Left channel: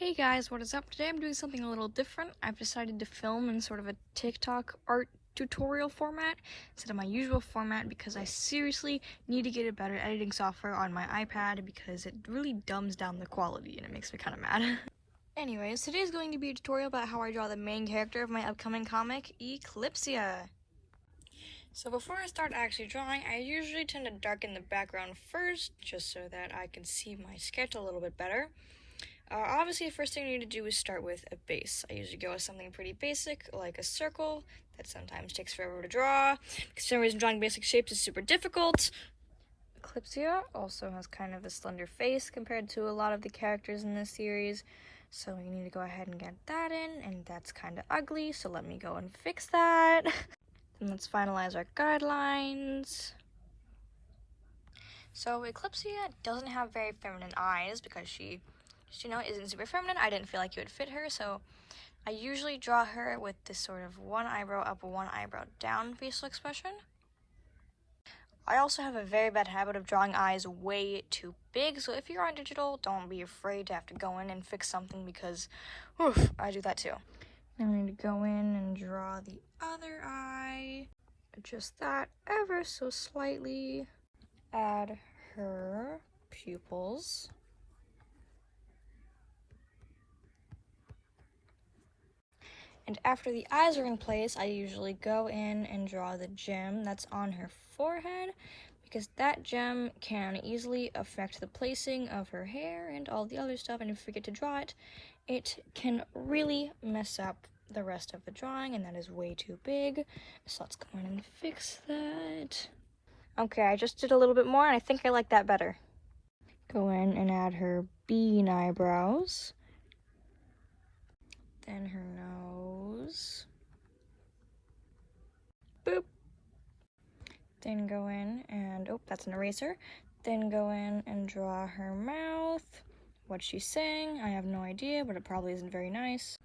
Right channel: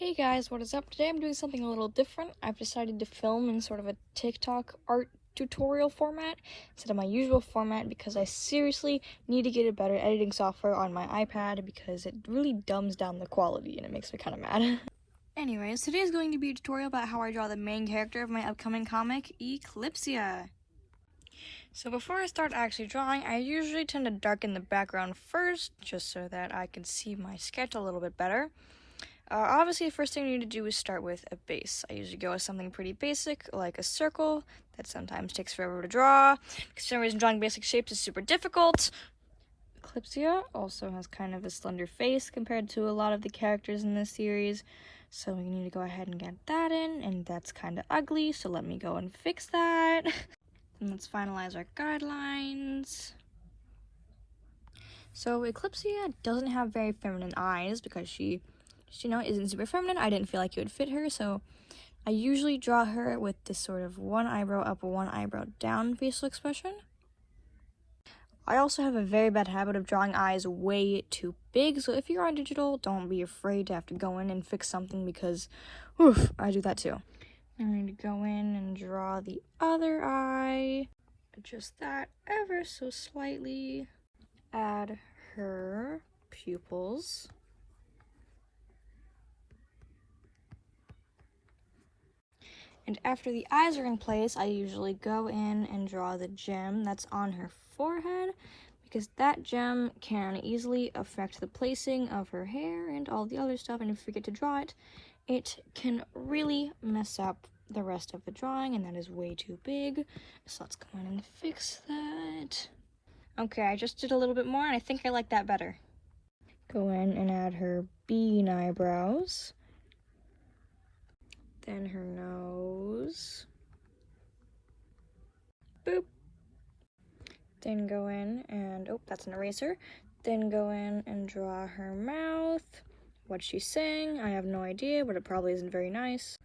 Hey guys, what is up? Today I'm doing something a little different. I've decided to film in sort of a TikTok art tutorial format instead of my usual format because I seriously need to get a better editing software on my iPad because it really dumbs down the quality and it makes me kind of mad. Anyways, today is going to be a tutorial about how I draw the main character of my upcoming comic, Eclipsia. So before I start actually drawing, I usually tend to darken the background first just so that I can see my sketch a little bit better. Obviously, the first thing you need to do is start with a base. I usually go with something pretty basic, like a circle, that sometimes takes forever to draw, because for some reason drawing basic shapes is super difficult. Eclipsia also has kind of a slender face compared to a lot of the characters in this series, so we need to go ahead and get that in, and that's kind of ugly, so let me go and fix that. And let's finalize our guidelines. So Eclipsia doesn't have very feminine eyes because she isn't super feminine. I didn't feel like it would fit her, so I usually draw her with this sort of one eyebrow up, one eyebrow down facial expression. I also have a very bad habit of drawing eyes way too big, so if you're on digital, don't be afraid to have to go in and fix something because, oof, I do that too. Now I need to go in and draw the other eye, adjust that ever so slightly, add her pupils. And after the eyes are in place, I usually go in and draw the gem that's on her forehead, because that gem can easily affect the placing of her hair and all the other stuff, and if you forget to draw it, it can really mess up the rest of the drawing, and that is way too big. So let's go in and fix that. Okay, I just did a little bit more, and I think I like that better. Go in and add her bean eyebrows. Then her nose. Boop. Then go in and, oh, that's an eraser. Then go in and draw her mouth. What she's saying, I have no idea, but it probably isn't very nice.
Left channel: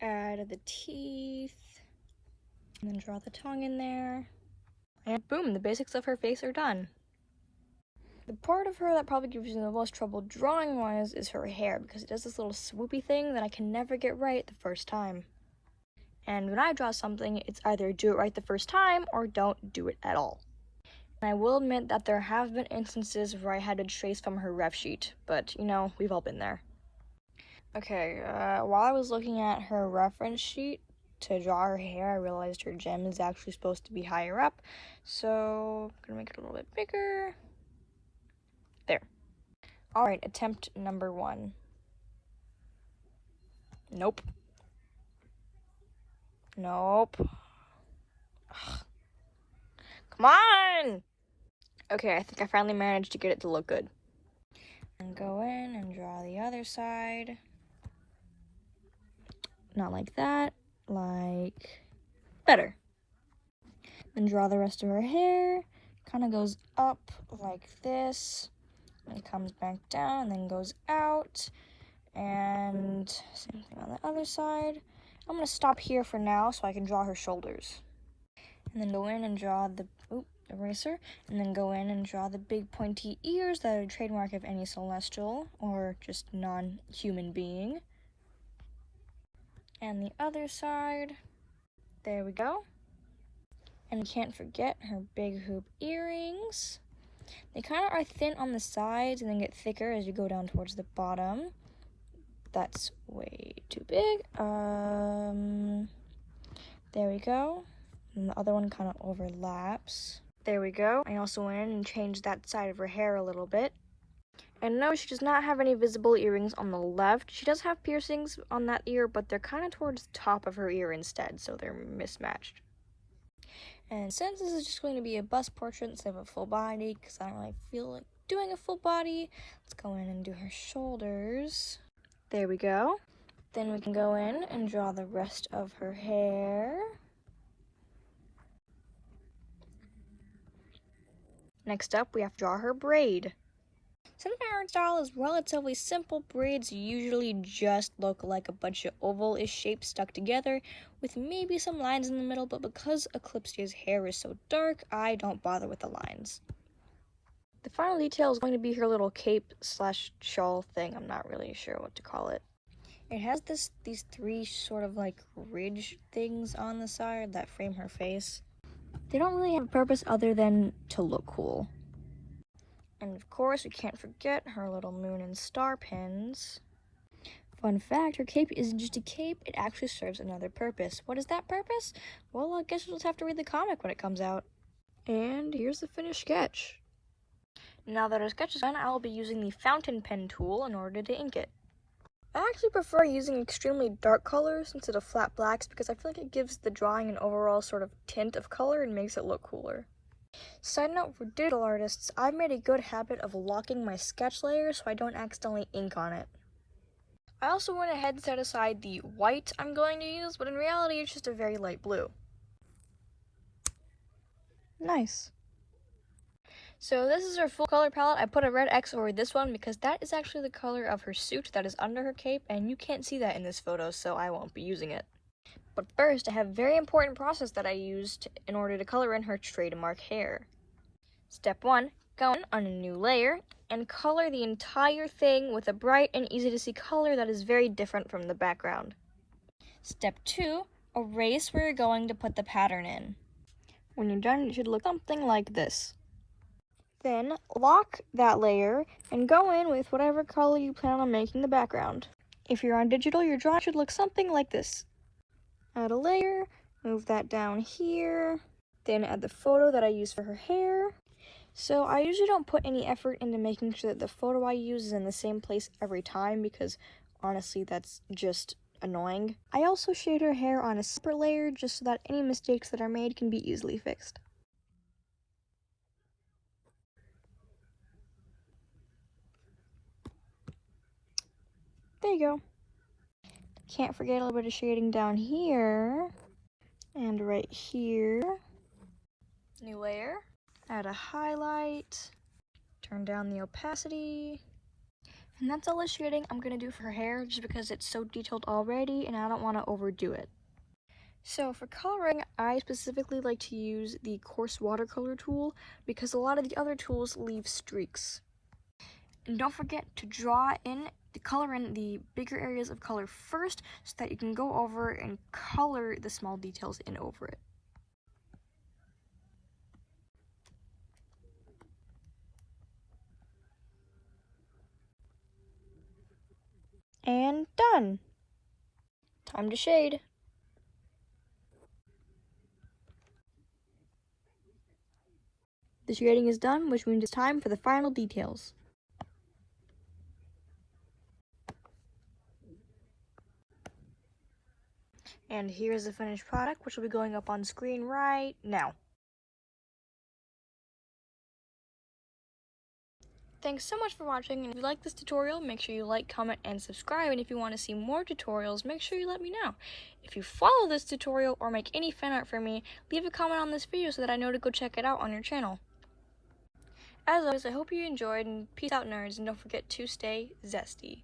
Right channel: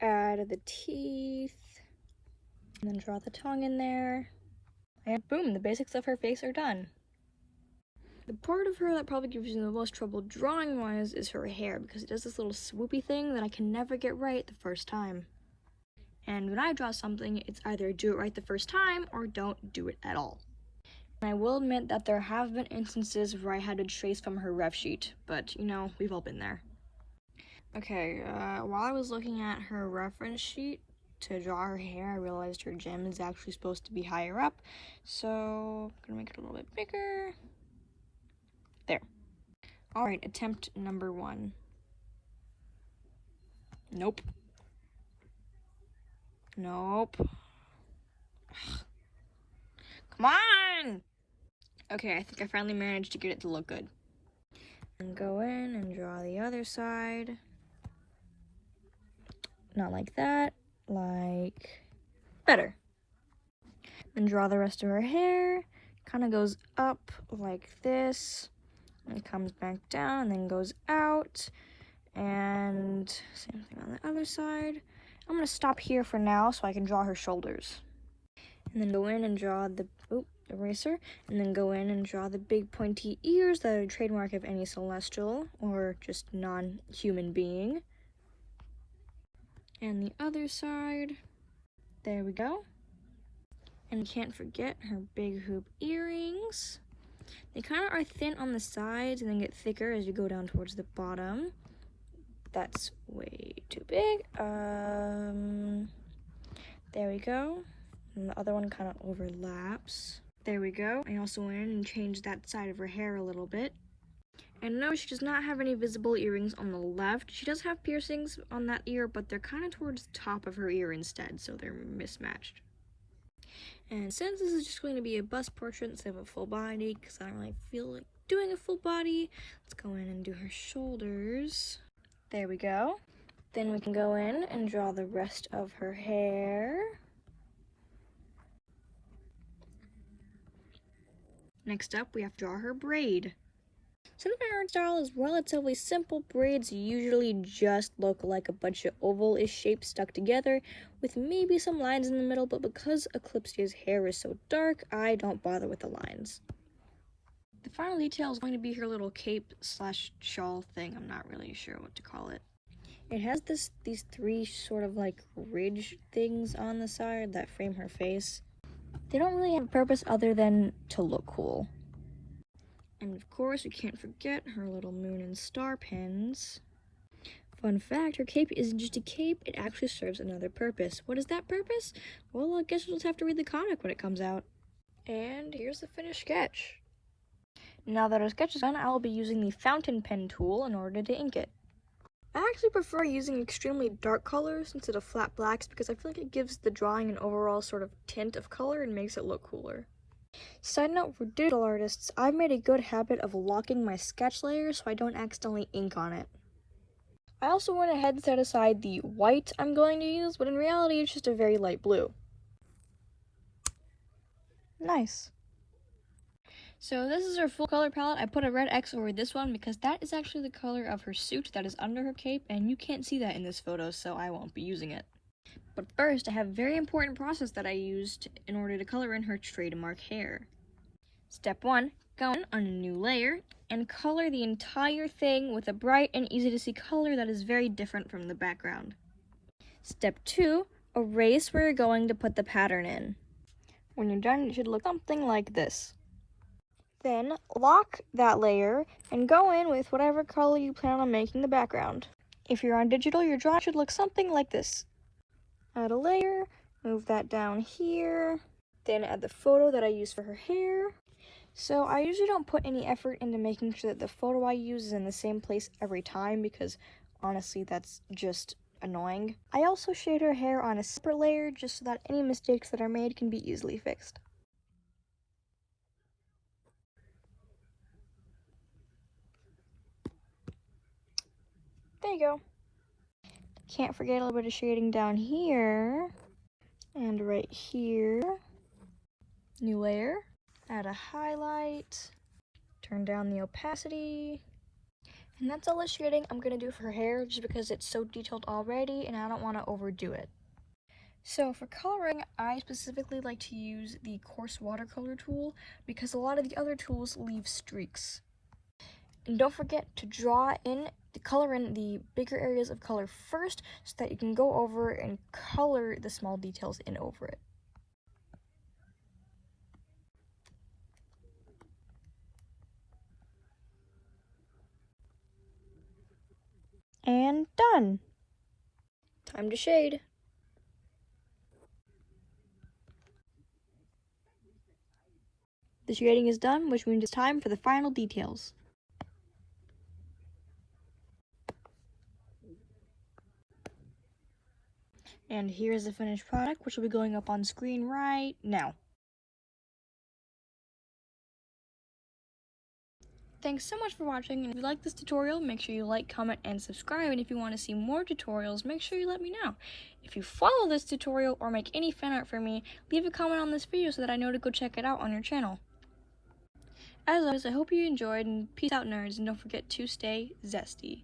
Add the teeth. And then draw the tongue in there. And boom, the basics of her face are done. The part of her that probably gives you the most trouble drawing-wise is her hair, because it does this little swoopy thing that I can never get right the first time. And when I draw something, it's either do it right the first time or don't do it at all. And I will admit that there have been instances where I had to trace from her ref sheet, but you know, we've all been there. Okay, while I was looking at her reference sheet to draw her hair, I realized her gem is actually supposed to be higher up, so I'm gonna make it a little bit bigger. There. Alright, attempt number 1. Nope. Nope. Ugh. Come on! Okay, I think I finally managed to get it to look good. And go in and draw the other side. Not like that, like better. Then draw the rest of her hair. Kind of goes up like this. And comes back down and then goes out. And same thing on the other side. I'm going to stop here for now so I can draw her shoulders. And then go in and draw the eraser, and then go in and draw the big pointy ears that are a trademark of any celestial or just non-human being. And the other side. There we go. And we can't forget her big hoop earrings. They kind of are thin on the sides and then get thicker as you go down towards the bottom. That's way too big. There we go. And the other one kind of overlaps. There we go. I also went in and changed that side of her hair a little bit. And no, she does not have any visible earrings on the left. She does have piercings on that ear, but they're kind of towards the top of her ear instead, so they're mismatched. And since this is just going to be a bust portrait instead of a full body, because I don't really feel like doing a full body, let's go in and do her shoulders. There we go. Then we can go in and draw the rest of her hair. Next up, we have to draw her braid. Since my art style is relatively simple, braids usually just look like a bunch of oval-ish shapes stuck together with maybe some lines in the middle, but because Eclipsia's hair is so dark, I don't bother with the lines. The final detail is going to be her little cape/shawl thing. I'm not really sure what to call it. It has these three sort of like ridge things on the side that frame her face. They don't really have a purpose other than to look cool. And of course, we can't forget her little moon and star pins. Fun fact, her cape isn't just a cape, it actually serves another purpose. What is that purpose? Well, I guess you'll just have to read the comic when it comes out. And here's the finished sketch. Now that our sketch is done, I will be using the fountain pen tool in order to ink it. I actually prefer using extremely dark colors instead of flat blacks because I feel like it gives the drawing an overall sort of tint of color and makes it look cooler. Side note, for digital artists, I've made a good habit of locking my sketch layer so I don't accidentally ink on it. I also went ahead and set aside the white I'm going to use, but in reality it's just a very light blue. Nice. So this is her full color palette. I put a red X over this one because that is actually the color of her suit that is under her cape, and you can't see that in this photo, so I won't be using it. But first, I have a very important process that I used in order to color in her trademark hair. Step 1, go in on a new layer and color the entire thing with a bright and easy to see color that is very different from the background. Step 2, erase where you're going to put the pattern in. When you're done, it should look something like this. Then lock that layer and go in with whatever color you plan on making the background. If you're on digital, your drawing should look something like this. Add a layer, move that down here, then add the photo that I used for her hair. So I usually don't put any effort into making sure that the photo I use is in the same place every time because honestly that's just annoying. I also shade her hair on a separate layer just so that any mistakes that are made can be easily fixed. There you go. Can't forget a little bit of shading down here and right here. New layer, add a highlight, turn down the opacity. And that's all the shading I'm gonna do for her hair just because it's so detailed already and I don't want to overdo it. So for coloring, I specifically like to use the coarse watercolor tool because a lot of the other tools leave streaks. And don't forget to color in the bigger areas of color first so that you can go over and color the small details in over it. And done! Time to shade. The shading is done, which means it's time for the final details. And here's the finished product, which will be going up on screen right now. Thanks so much for watching, and if you like this tutorial, make sure you like, comment, and subscribe, and if you want to see more tutorials, make sure you let me know. If you follow this tutorial or make any fan art for me, leave a comment on this video so that I know to go check it out on your channel. As always, I hope you enjoyed, and peace out nerds, and don't forget to stay zesty.